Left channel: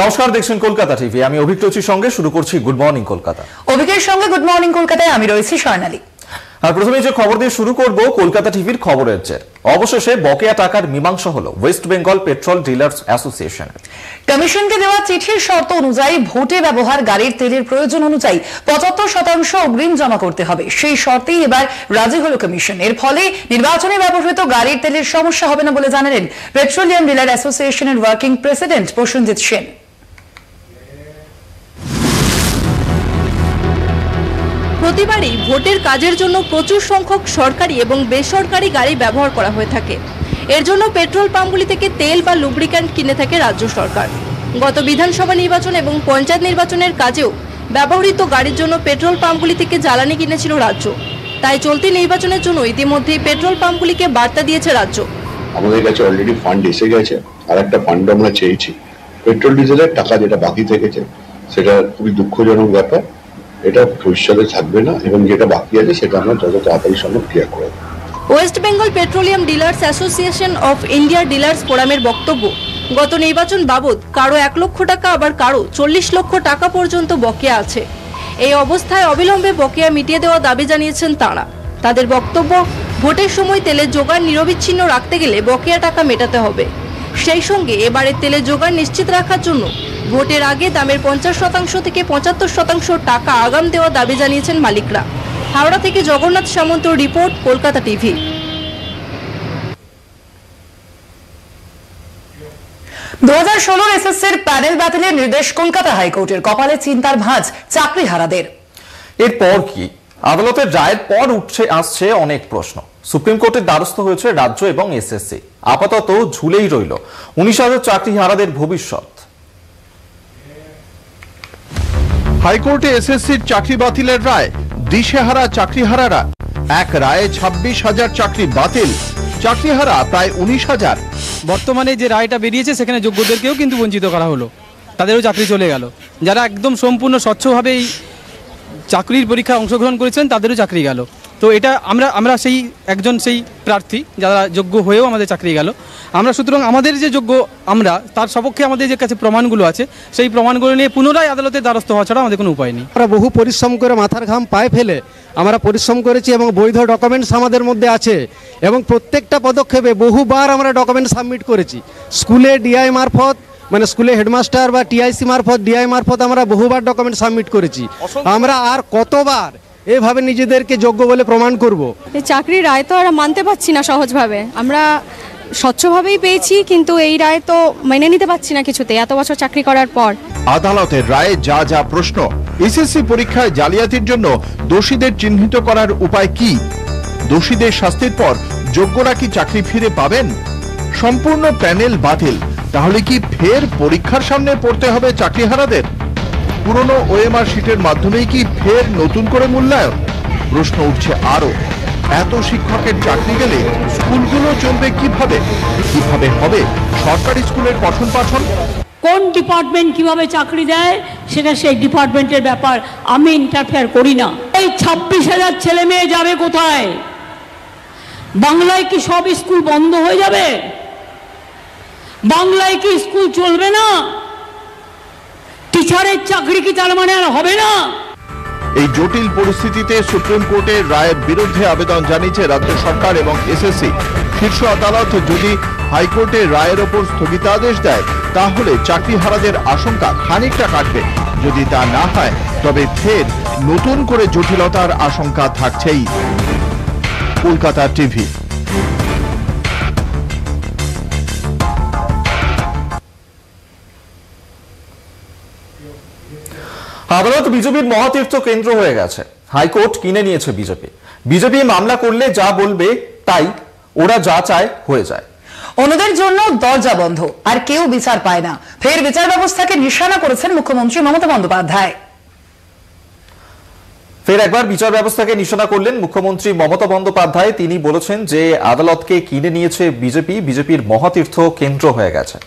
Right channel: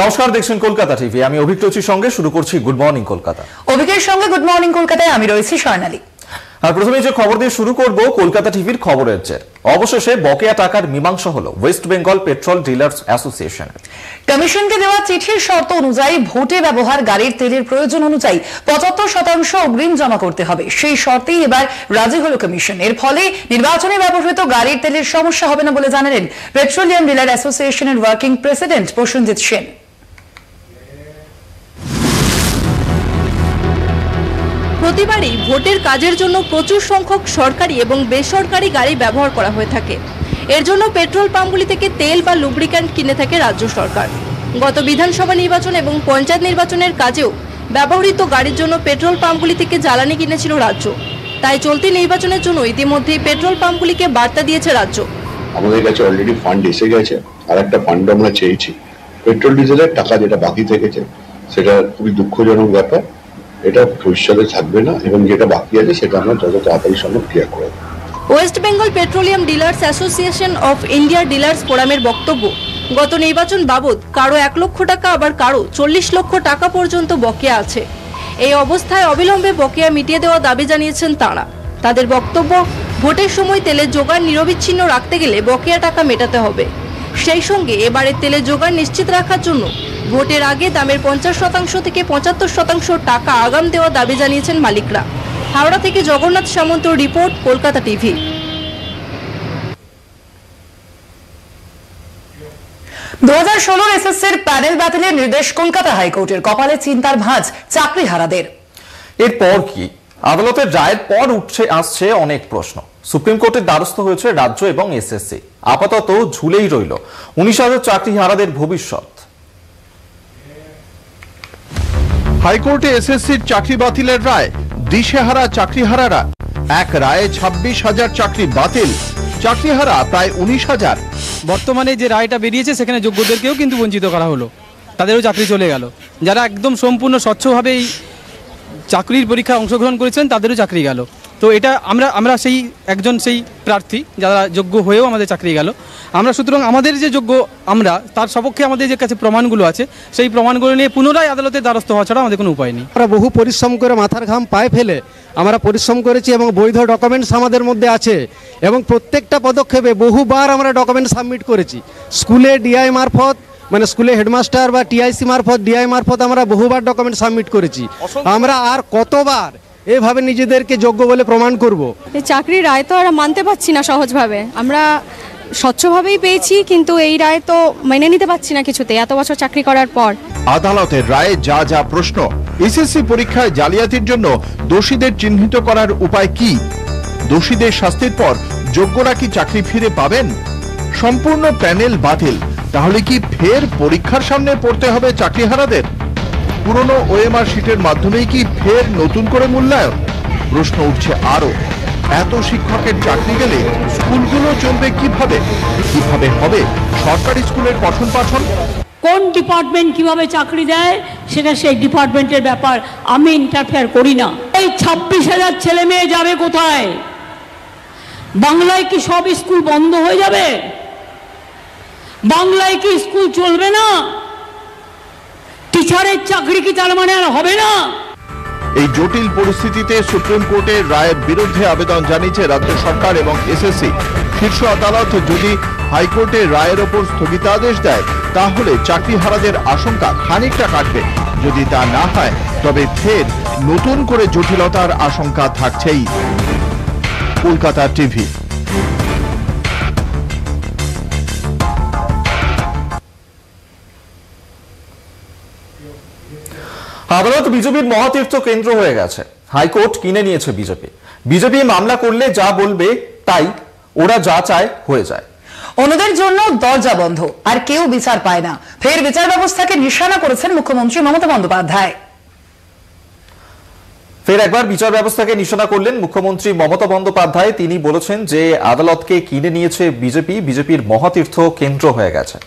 নমস্কার, দেখছেন কলকাতা টিভি। আমি অভিজ্ঞতার সঙ্গে শুরু করছি গুড মর্নিং কলকাতা। অভিজ্ঞতার সঙ্গে গুড মর্নিং কলকাতায় আমি রয়েছি স্বর্ণালী। আর প্রথমে যে খবর দিয়ে শুরু করব কলকাতা টিভির খবরের জের। অবশেষে বকেয়া টাকার মীমাংসা হলো West Bengal petrol dealers association. কমিশনকে দেওয়া চিঠির শর্ত অনুযায়ী ভোটে ব্যবহার গাড়ির তেলের প্রয়োজন অনুযায়ী ৭৫% অগ্রিম জমা করতে হবে। সেই শর্তেই এবার রাজি হলো কমিশন। এর ফলে নির্বাচনে ব্যবহৃত গাড়ির তেলের সমস্যা হবে না বলে জানালেন পেট্রোলিয়াম ডিলার অ্যাসোসিয়েশনের ওয়ার্কিং প্রেসিডেন্ট প্রসেনজিৎ সেন। প্রতিবারই ভোটের কাজের জন্য প্রচুর সংখ্যক সরকারি এবং বেসরকারি গাড়ি ব্যবহার করা হয়ে থাকে। এর জন্য পেট্রোল পাম্পগুলি থেকে তেল বা লুব্রিক্যান্ট কিনে থাকে রাজ্য সরকার। গত বিধানসভা নির্বাচন এবং পঞ্চায়েত নির্বাচনের কাজেও ব্যবহৃত গাড়ির জন্য পেট্রোল পাম্পগুলি থেকে জ্বালানি কিনেছিল রাজ্য। তাই চলতি নির্বাচনের জন্য ইতিমধ্যেই পেট্রোল পাম্পগুলিকে বার্তা দিয়েছে রাজ্য। আমাদের কাছে অলরেডি ফান্ড এসে গেছে, আর একটা ফান্ড আমরা চেয়েছি। পেট্রোল ডিজেলের টাকা যেটা বাকি থেকেছে সেটা খুবই দুঃখজনক ব্যাপার। এটা ভবিষ্যতে থাকবে না এবং যেটা বাকি আছে সেটা আমরা যত তাড়াতাড়ি সম্ভব ক্লিয়ার করে দেব। West Bengal petroleum dealers association of ইন্ডিয়ার ডিলার্স ফোরামের বক্তব্য, গত নির্বাচন বাবদ কারো ১ লক্ষ টাকা আবার কারো ৪০ লক্ষ টাকা পর্যন্ত বকেয়া আছে। এই অবস্থায় অবিলম্বে বকেয়া মিটিয়ে দেওয়া দাবি জানিয়েছেন তাঁরা। তাদের বক্তব্য, ভোটের সময় তেলের জোগান নিরবিচ্ছিন্ন রাখতে গেলে বকেয়া টাকা মেটাতে হবে। সেই সঙ্গে এবারে তেলের জোগান নিশ্চিত রাখার জন্য ভোটের আগে দামের ৫০% থেকে ৭৫% টাকা আগাম দেওয়ার দাবি জানিয়েছেন মালিকরা। হাওড়া থেকে জগন্নাথ সামন্ত রিপোর্ট, কলকাতা টিভি। ২০১৬ এসএসসির প্যানেল বাতিলের নির্দেশ কলকাতা হাইকোর্টের। কপালে চিন্তার ভাঁজ চাকরিহারাদের। এরপর কি? আদালতের রায়ের পর আসছে অনেক প্রশ্ন। সুপ্রিম কোর্টের দ্বারস্থ হয়েছে রাজ্য এবং এসএসসি। আপাতত ঝুলেই রইল ১৯,০০০ চাকরিহারাদের ভবিষ্যৎ। হাইকোর্টে এসএসসির চাকরি বাতিলের রায়, দিশেহারা চাকরিহারারা। এক রায়ে ২৬,০০০ চাকরি বাতিল, চাকরিহারা প্রায় ১৯,০০০। বর্তমানে যে রায়টা বেরিয়েছে সেখানে যোগ্যদেরকেও কিন্তু বঞ্চিত করা হলো, তাদেরও চাকরি চলে গেল। যারা একদম সম্পূর্ণ স্বচ্ছভাবে এই চাকরির পরীক্ষায় অংশগ্রহণ করেছেন তাদেরও চাকরি গেল। তো এটা আমরা সেই একজন সেই প্রার্থী যারা যোগ্য হয়েও আমাদের চাকরি গেল। আমরা সুতরাং আমাদের যে যোগ্য আমরা তার সপক্ষে আমাদের যে কাছে প্রমাণগুলো আছে সেই প্রমাণগুলো নিয়ে পুনরায় আদালতের দ্বারস্থ হওয়া ছাড়া আমাদের কোনো উপায় নেই। আমরা বহু পরিশ্রম করে মাথার ঘাম পায়ে ফেলে আমরা পরিশ্রম করেছি এবং বৈধ ডকুমেন্টস আমাদের মধ্যে আছে এবং প্রত্যেকটা পদক্ষেপে বহুবার আমরা ডকুমেন্ট সাবমিট করেছি। স্কুলে ডিআই মারফত, মানে স্কুলে হেডমাস্টার বা টিআইসি মারফত, ডিআই মারফত আমরা বহুবার ডকুমেন্ট সাবমিট করেছি। আমরা আর কতবার এভাবে নিজেদেরকে যোগ্য বলে প্রমাণ করব? এই চাকরির রায় তো আর মানতে পারছি না সহজভাবে। আমরা স্বচ্ছভাবেই পেয়েছি, কিন্তু এই রায় তো মেনে নিতে পারছি না কিছুতে, এত বছর চাকরি করার পর। আদালতের রায়ে যা যা প্রশ্ন, এসএসসি পরীক্ষায় জালিয়াতির জন্য দোষীদের চিহ্নিত করার উপায় কি? দোষীদের শাস্তির পর যোগ্যরা কি চাকরি ফিরে পাবেন? সম্পূর্ণ প্যানেল বাতিল, তাহলে কি ফের পরীক্ষার সামনে পড়তে হবে চাকরিহারাদের? পুরনো ওএমআর শিটের মাধ্যমেই কি ফের নতুন করে মূল্যায়ন? প্রশ্ন উঠছে আরো। এত শিক্ষকের চাকরি গেলে স্কুলগুলো চলবে কিভাবে? কিভাবে হবে সরকারি স্কুলের পঠন পাঠন? কোন ডিপার্টমেন্ট কিভাবে চাকরি দেয় সেটা সেই ডিপার্টমেন্টের ব্যাপার, আমি ইন্টারফেয়ার করি না। এই ২৬,০০০ ছেলে মেয়ে যাবে কোথায়? বাংলায় কি সব স্কুল বন্ধ হয়ে যাবে? বাংলায় কি স্কুল চলবে না? টিচারের চাকরি কি তার মানে আর হবে না? এই জটিল পরিস্থিতিতে সুপ্রিম কোর্টের রায়ের বিরুদ্ধে আবেদন জানিয়েছে রাজ্য সরকার এবং এসএসসি। শীর্ষ আদালত যদি হাইকোর্টের রায়ের ওপর স্থগিতাদেশ দেয় তাহলে চাকরিহারাদের আশঙ্কা খানিকটা কাটবে। যদি তা না হয় তবে ফের নতুন করে জটিলতার আশঙ্কা থাকছেই। কলকাতা টিভি। আদালত বিজেপির মহাতীর্থ কেন্দ্র হয়ে গেছে। হাইকোর্ট কিনে নিয়েছে বিজেপি মামলা করলে যা বলবে তাই, ওরা যা চায় হয়ে যায়। অন্যদের জন্য দরজা বন্ধ, আর কেউ বিচার পায় না। ফের বিচার ব্যবস্থাকে নিশানা করেছেন মুখ্যমন্ত্রী মমতা বন্দ্যোপাধ্যায়। ফের একবার বিচার ব্যবস্থাকে নিশানা করলেন মুখ্যমন্ত্রী মমতা বন্দ্যোপাধ্যায়। তিনি বলেছেন যে আদালতকে কিনে নিয়েছে বিজেপির মহাতীর্থ কেন্দ্র হয়ে গেছে।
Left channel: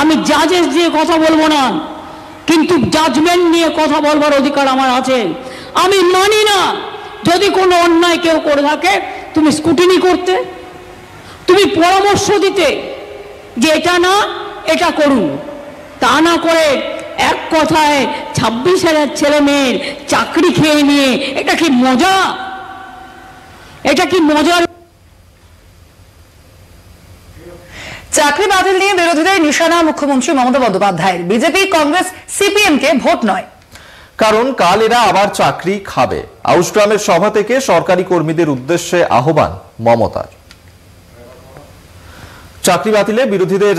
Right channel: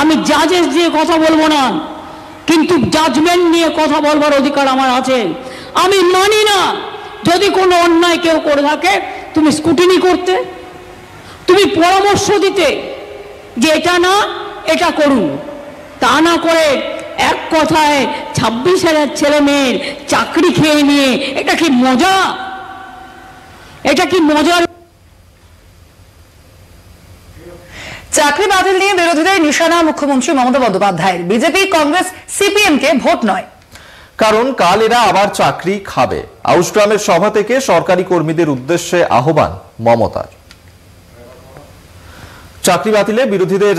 আমি জাজেস দিয়ে কথা বলবো না, কিন্তু জাজমেন্ট নিয়ে কথা বলবার অধিকার আমার আছে। আমি মানি না যদি কোনো অন্যায় কেউ করে থাকে তুমি স্কুটিনি করতে, তুমি পরামর্শ দিতে যে এটা না এটা করুন, তা না করে এক কথায় 26,000 ছেলে মেয়ের চাকরি খেয়ে নিয়ে, এটা কি মজা? এটা কি মজার? চাকরি বাতিল নিয়ে বিরোধীদের নিশানা মুখ্যমন্ত্রী মমতা বন্দ্যোপাধ্যায়ের। বিজেপি, কংগ্রেস, সিপিএম কে ভোট নয়, কারণ কাল এরা আবার চাকরি খাবে। আউশগ্রামের সভা থেকে সরকারি কর্মীদের উদ্দেশ্যে আহ্বান মমতার। চাকরি বাতিলে বিরোধীদের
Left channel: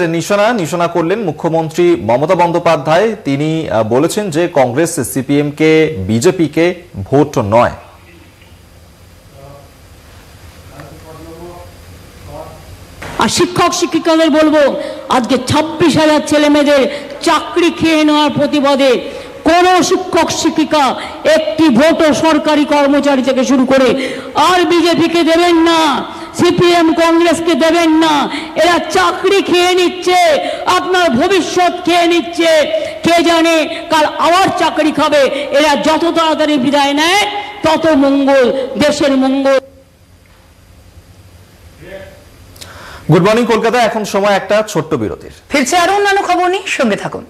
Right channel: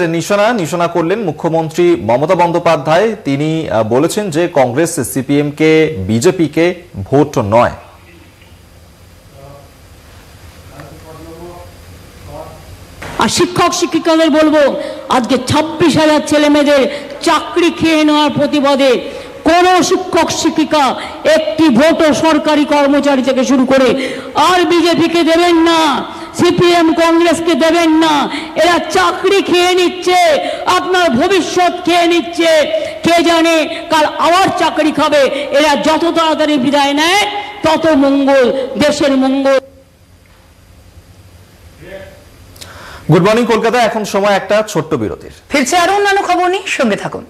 নিশানা করলেন মুখ্যমন্ত্রী মমতা বন্দ্যোপাধ্যায়। তিনি বলেছেন যে কংগ্রেস, সিপিএম কে, বিজেপি কে ভোট নয়। আর শিক্ষক শিক্ষিকাদের বলবো, আজকে 26,000 ছেলে মেয়েদের চাকরি খেয়ে নেওয়ার প্রতিবাদে কোন শিক্ষক শিক্ষিকা একটি ভোটও সরকারি কর্মচারী থেকে শুরু করে আর বিজেপিকে দেবেন না, সিপিএম কংগ্রেসকে দেবেন না। এরা চাকরি খেয়ে নিচ্ছে, আপনার ভবিষ্যৎ খেয়ে নিচ্ছে। কে জানে কাল আবার চাকরি খাবে। এরা যত তাড়াতাড়ি বিদায় নেয় তত মঙ্গল, দেশের মঙ্গল। গুড মর্নিং কলকাতা, এখন সময় একটা ছোট্ট বিরতির। ফিরছে আরো অন্যান্য খবর নিয়ে, সঙ্গে থাকুন।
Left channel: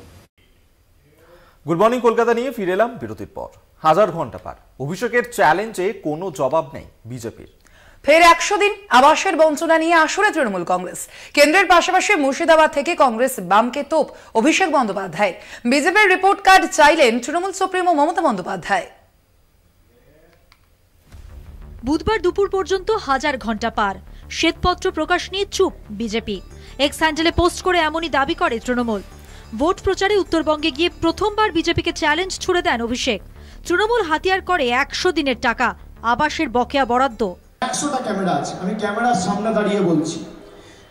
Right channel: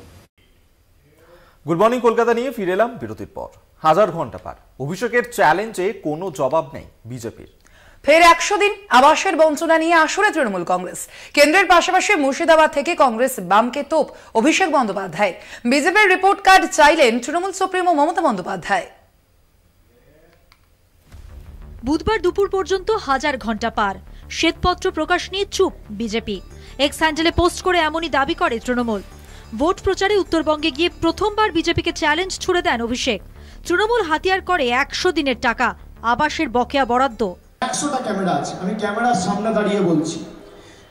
গুড মর্নিং কলকাতা নিয়ে ফিরে এলাম বিরতির পর। 1000 ঘন্টা পার, অভিষেকের চ্যালেঞ্জে কোনো জবাব নেই বিজেপির। ফের 100 দিন আবাসের বঞ্চনা নিয়ে আসরে তৃণমূল কংগ্রেস। কেন্দ্রের পাশাপাশি মুর্শিদাবাদ থেকে কংগ্রেস বামকে তোপ অভিষেক বন্দ্যোপাধ্যায়। বিজেপির রিপোর্ট কার্ড চাইলেন তৃণমূল সুপ্রিমো মমতা বন্দ্যোপাধ্যায়। বুধবার দুপুর পর্যন্ত 1000 ঘন্টা পার, শ্বেতপত্র প্রকাশ নিয়ে চুপ বিজেপি। এক্স হ্যান্ডেলে পোস্ট করে এমনই দাবি করে তৃণমূল। ভোট প্রচারে উত্তরবঙ্গে গিয়ে প্রথমবার বিজেপিকে চ্যালেঞ্জ ছুড়ে দেন অভিষেক। তৃণমূল হাতিয়ার করে 100 দিনের টাকা, আবাসের বকেয়া বরাদ্দ। 100টা ক্যামেরা আছে, আমি ক্যামেরার সামনে দাঁড়িয়ে বলছি,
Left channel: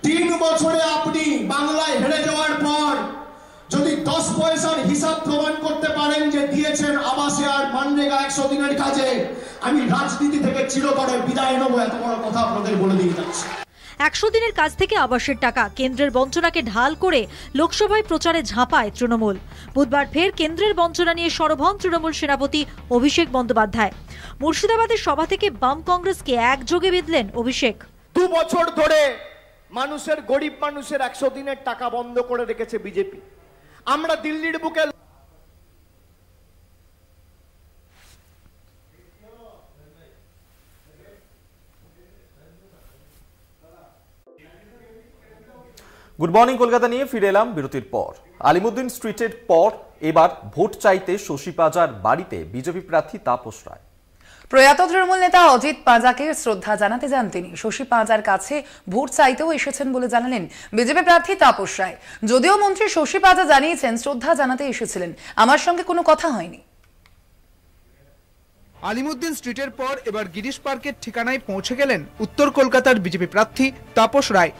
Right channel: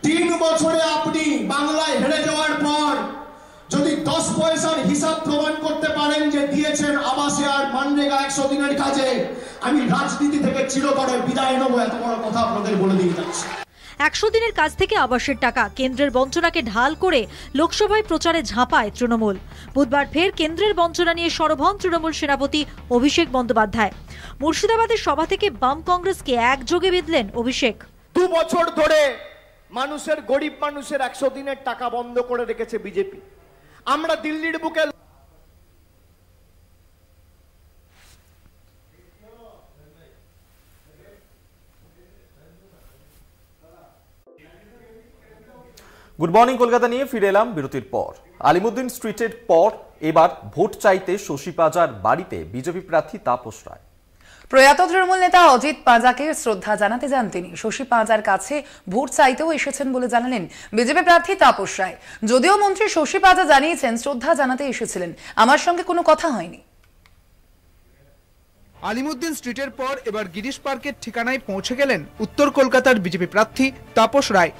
3 বছরে আপনি বাংলায় হেরে যাওয়ার পর যদি 10 পয়সার হিসাব প্রমাণ করতে পারেন যে দিয়েছেন আবাসে আর মানরেগা 100 দিনের কাজে, আমি রাজনীতি থেকে চিরতরে বিদায় নেব। এত বড় কথা আপনাদের বলে দিয়ে যাচ্ছি। 100 দিনের কাজ থেকে আবাসের টাকা, কেন্দ্রের বঞ্চনাকে ঢাল করে লোকসভায় প্রচারে ঝাঁপায় তৃণমূল। বুধবার ফের কেন্দ্রের বঞ্চনা নিয়ে সরব হন তৃণমূল সেনাপতি অভিষেক বন্দ্যোপাধ্যায়। মুর্শিদাবাদের সভা থেকে বাম কংগ্রেসকে একযোগে বিঁধলেন অভিষেক। 2 বছর ধরে মানুষের, গরিব মানুষের 100 দিনের টাকা বন্ধ করে রেখেছে বিজেপি। আমরা দিল্লির বুকে গুড মর্নিং কলকাতা নিয়ে ফিরে এলাম বিরতির পর। আলিমুদ্দিন স্ট্রিটের পর এবার ভোট চাইতে শশী পাজার বাড়িতে বিজেপি প্রার্থী তাপস রায়। প্রয়াত তৃণমূল নেতা অজিত পাঁজাকে শ্রদ্ধা জানাতে যান তিনি। শশী পাঁজার কাছে ভোট চাইতেও এসেছেন বলে জানালেন বিজেপি প্রার্থী তাপস রায়। যদিও মন্ত্রী শশী পাঁজা জানিয়েছেন শ্রদ্ধা জানাতে এসেছিলেন, আমার সঙ্গে কোনো কথা হয়নি। আলিমুদ্দিন স্ট্রিটের পর এবার গিরিশ পার্কের ঠিকানায় পৌঁছে গেলেন উত্তর কলকাতার বিজেপি প্রার্থী তাপস রায়।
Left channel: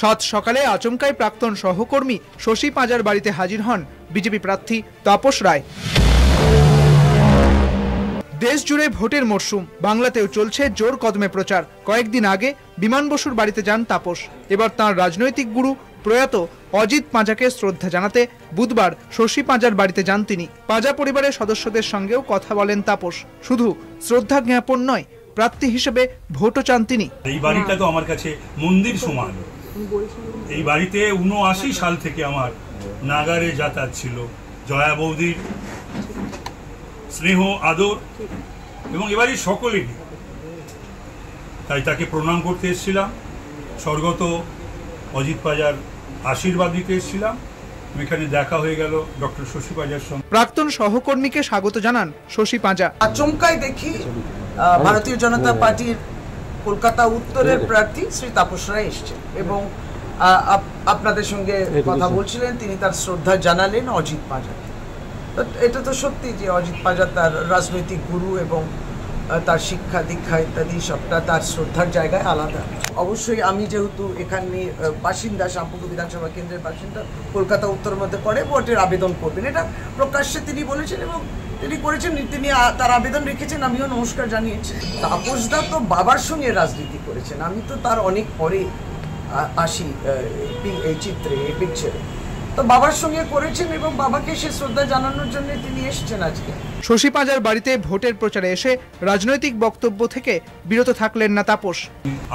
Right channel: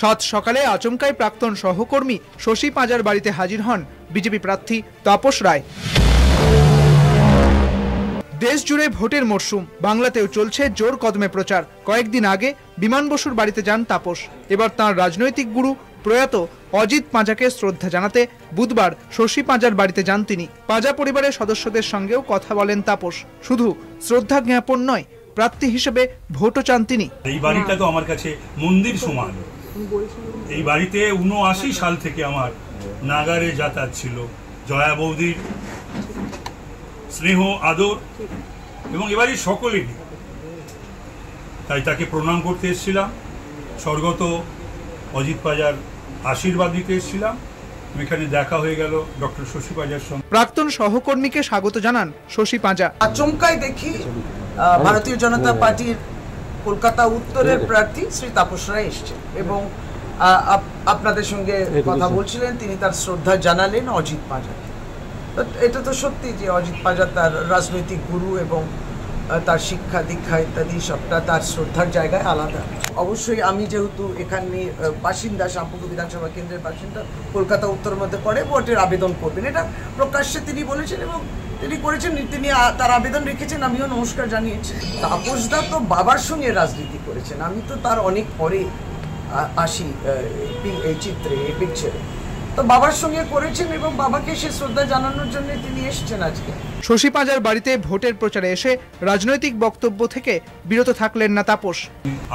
সাত সকালে আচমকাই প্রাক্তন সহকর্মী শশী পাঁজার বাড়িতে হাজির হন বিজেপি প্রার্থী তাপস রায়। দেশ জুড়ে ভোটের মরশুম, বাংলাতেও চলছে জোর কদমে প্রচার। কয়েকদিন আগে বিমান বসুর বাড়িতে যান তাপস। এবার তাঁর রাজনৈতিক গুরু প্রয়াত অজিত পাঁজাকে শ্রদ্ধা জানাতে বুধবার শশী পাঁজার বাড়িতে যান তিনি। পাঁজা পরিবারের সদস্যদের সঙ্গেও কথা বলেন তাপস। শুধু শ্রদ্ধা জ্ঞাপন নয়, প্রার্থী হিসেবে ভোটও চান তিনি। এই বাড়িটা তো আমার কাছে মন্দির সমান। এই বাড়িতে 79 সাল থেকে আমার নাগারে যাতায়াত ছিল। জয়া বৌদির স্নেহ আদর এবং এবারে সকলেরই, তাই তাকে প্রণাম করতে এসেছিলাম। স্বর্গত অজিত পাঁজার আশীর্বাদ দিতে এসেছিলাম। এখানে দেখা হয়ে গেল ডক্টর শশী পাঁজার সঙ্গে। প্রাক্তন সহকর্মীকে স্বাগত জানান শশী পাঁজা। আচমকাই দেখি ভারতীয় জনতা পার্টির কলকাতা উত্তরের প্রার্থী শ্রী তাপস রায় এসছেন এবং আপনাদের সঙ্গে কথা বলছিলেন। তিনি তার শ্রদ্ধা জানালেন অজিত পাঁজাকে। এটা তো সত্যি যে অজিত পাঁজা তার রাজনৈতিক গুরু এবং তার শিক্ষা দীক্ষা ইত্যাদি সবটা তার শ্রদ্ধার জায়গায় আলাদা। অবশ্যই আমি যেহেতু এখানে বাসিন্দা, শ্যামপুকুর বিধানসভা কেন্দ্রের বাসিন্দা, কলকাতা উত্তর মধ্যে পড়ে, ভোটের আবেদন করবেন এটা প্রকাশ্যে তিনি বলেছেন এবং তিনি করেছেন। তিনি তার আবেদন রেখেছেন, আমিও নমস্কার জানিয়েছি। তাপসদা তো বাবার সঙ্গে রাজনীতি করেছেন, আমি তো তার অনেক পরে আসি এই চিত্রে, এই পিকচারে। তো বাবার সঙ্গে করেছেন এবং বাবাকে সে শ্রদ্ধা জানানোর জন্য তিনি এসেছেন আজকে। শশী পাঁজার বাড়িতে ভোটের প্রচারে এসে রাজনৈতিক বক্তব্য থেকে বিরত থাকলেন না তাপস।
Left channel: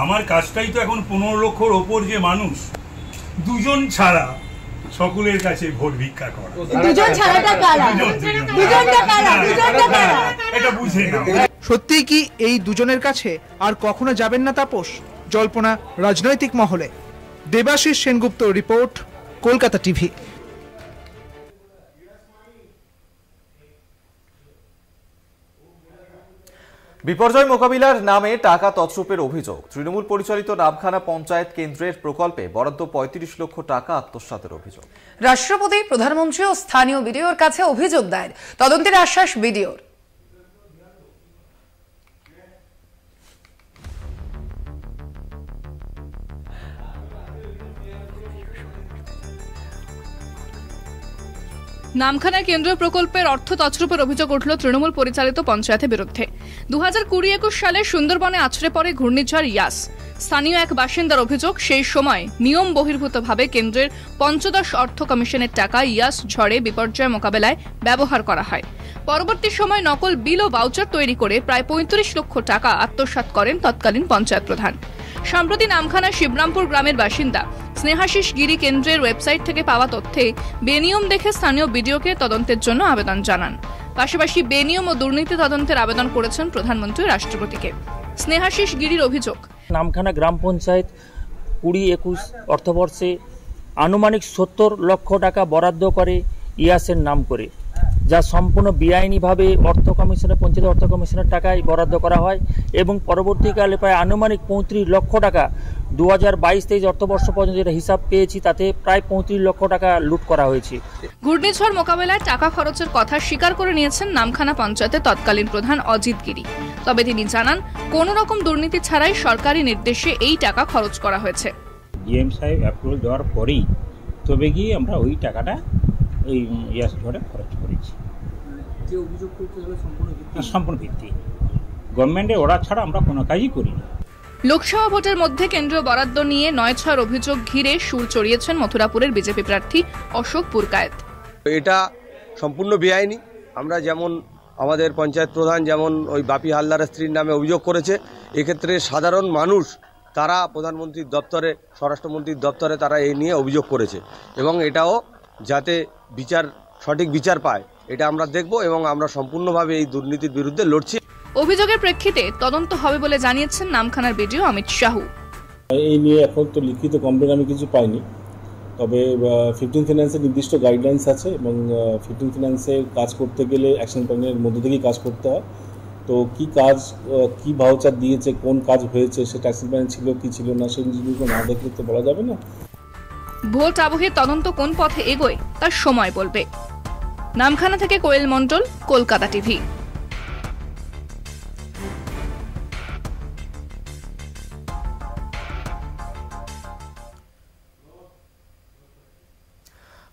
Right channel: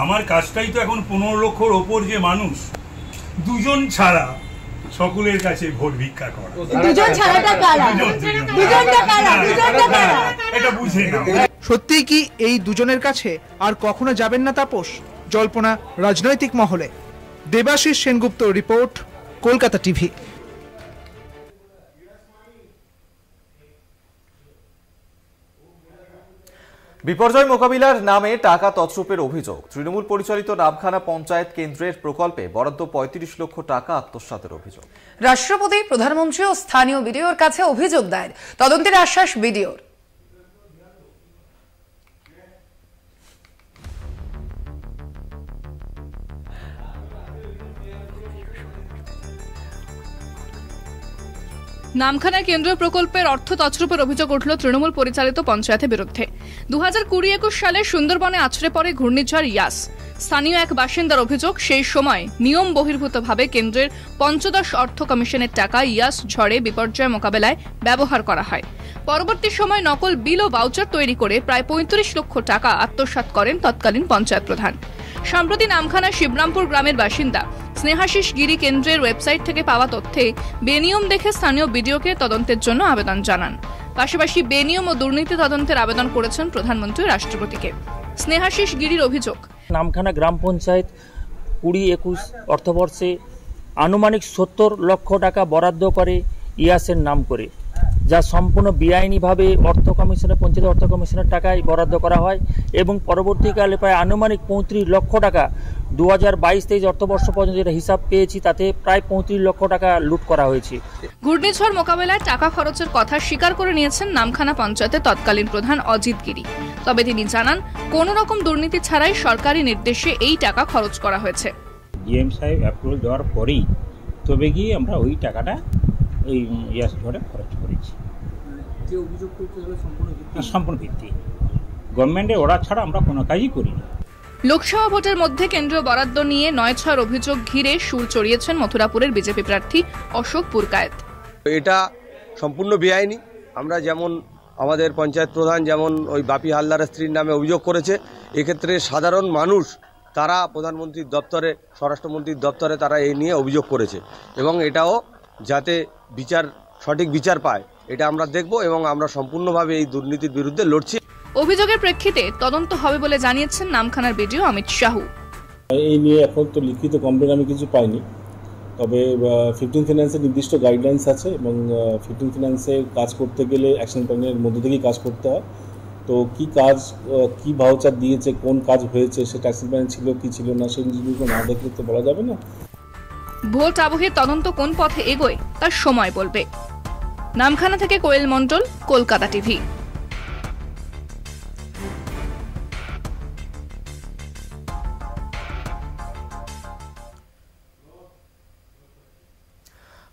আমার কাজটাই তো এখন 15 লক্ষর ওপর যে মানুষ, দুজন ছাড়া সকলের কাছে ভোট ভিক্ষা করা। এটা বুঝে না। সত্যিই কি এই দুজনের কাছে আর কখনো যাবেন না তাপস? জল্পনা রাজনৈতিক মহলে। Debashis Sengupta report, Kolkata TV. বিপর্যয় মোকাবিলার নামে টাকা তছরূপের অভিযোগ। তৃণমূল পরিচালিত নামখানা পঞ্চায়েত কেন্দ্রের প্রকল্পে বরাদ্দ 35 লক্ষ টাকা আত্মসাতের অভিযোগ। রাষ্ট্রপতি, প্রধানমন্ত্রী ও স্থানীয় বিডিওর কাছে অভিযোগ দায়ের। তদন্তের আশ্বাস বিডিওর। নামখানা কেন্দ্রীয় প্রকল্পের অর্থ তছরূপের অভিযোগ উঠল তৃণমূল পরিচালিত পঞ্চায়েতের বিরুদ্ধে। 2020-21 সালে সুন্দরবনে আছড়ে পড়ে ঘূর্ণিঝড় ইয়াস। স্থানীয় এক বাসিন্দার অভিযোগ, সেই সময় নিয়ম বহির্ভূতভাবে কেন্দ্রের পঞ্চদশ অর্থ কমিশনের টাকা ইয়াস ঝড়ে বিপর্যয় মোকাবেলায় ব্যবহার করা হয়। পরবর্তী সময় নকল বিল ও ভাউচার তৈরি করে প্রায় 35 লক্ষ টাকা আত্মসাৎ করেন তৎকালীন পঞ্চায়েত প্রধান। সম্প্রতি নামখানা শিবরামপুর গ্রামের বাসিন্দা স্নেহাশিস গিরি কেন্দ্রের ওয়েবসাইট থেকে পাওয়া তথ্যে বেনিয়ম দেখে স্থানীয় বিডিওকে তদন্তের জন্য আবেদন জানান। পাশাপাশি বেনিয়ম ও দুর্নীতি তদন্তের আবেদন করেছেন প্রধানমন্ত্রী রাষ্ট্রপতিকে। স্নেহাশিস গিরির অভিযোগ, নামখানা গ্রাম পঞ্চায়েত 20-21 অর্থবর্ষে আনুমানিক 70 লক্ষ টাকা বরাদ্দ করে ইয়াসের নাম করে, যা সম্পূর্ণ বেআইনিভাবে অর্থ কমিশনের পঞ্চায়েত অর্থ কমিশনের টাকায় বরাদ্দ করা হয় এবং পরবর্তীকালে প্রায় আনুমানিক 35 লক্ষ টাকা 2022-23 অর্থবর্ষ পর্যন্ত যেটা হিসাব পেয়েছি তাতে প্রায় 35 লক্ষ টাকা লুট করা হয়েছে। ঘূর্ণিঝড় মোকাবেলায় টাকা খরচের কথা স্বীকার করে নিয়েছেন নামখানা পঞ্চায়েতের তৎকালীন প্রধান অজিত গিরি। তবে তিনি জানান, কোন রকম দুর্নীতি ছাড়াই সরকারি নির্দেশে এই টাকা খরচ করা হয়েছে। ডিএম সাহেব অ্যাপ্রুভাল দেওয়ার পরেই তবে গিয়ে আমরা ওই টাকাটা এই ইয়াস ঝড়ে খরচ করেছি। যে অভিযোগ করতে হলে সম্পূর্ণ ভিত্তি, গভর্নমেন্টের অর্ডার ছাড়া আমরা কোনো কাজই করি না। লোকসভা ভোটের মধ্যে কেন্দ্রীয় বরাদ্দ নিয়ে 9-6 অভিযোগ ঘিরে সুর চড়িয়েছেন মথুরাপুরের বিজেপি প্রার্থী অশোক পুরকায়েত। এটা সম্পূর্ণ বেআইনি। আমরা যেমন আমাদের পঞ্চায়েত প্রধান যেমন ওই বাপি হালদারের স্ত্রীর নামে অভিযোগ করেছে, এক্ষেত্রে সাধারণ মানুষ তারা প্রধানমন্ত্রীর দপ্তরে, স্বরাষ্ট্রমন্ত্রীর দপ্তরে তারা এই নিয়ে অভিযোগ করেছে এবং এটাও যাতে সঠিক বিচার পায় এটা আমরা দেখব এবং আমরা সম্পূর্ণভাবে এই দুর্নীতির বিরুদ্ধে লড়ছি। অভিযোগের প্রেক্ষিতে তদন্ত হবে বলে জানিয়েছেন নামখানার বিডিও অমিত সাহু। এই নিয়ে এখন তো লিখিত কমপ্লেন আমি কিছু পাইনি, তবে 15 ফিন্যান্সের নির্দিষ্ট গাইডলাইন্স আছে এবং 15 ফিন্যান্সে কাজ করতে গেলে অ্যাকশন প্ল্যানের মধ্যে থেকেই কাজ করতে হয়। তো কি কাজ, কি ভাউচার দিয়েছে, কোন কাজ হয়েছে, সেটা অ্যাকশন প্ল্যান ছিল কি ছিল না, সেই জিনিসগুলো না দেখলে তো বলা যাবে না। ভোট আবহে তদন্ত কোন পথে এগোয় তার সময় বলবে। নামখানা থেকে Koel Mondal, Kolkata TV.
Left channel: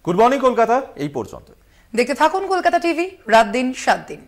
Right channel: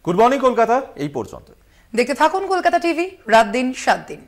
Good morning Kolkata এই পর্যন্ত। দেখতে থাকুন কলকাতা টিভি, রাত দিন 7 দিন।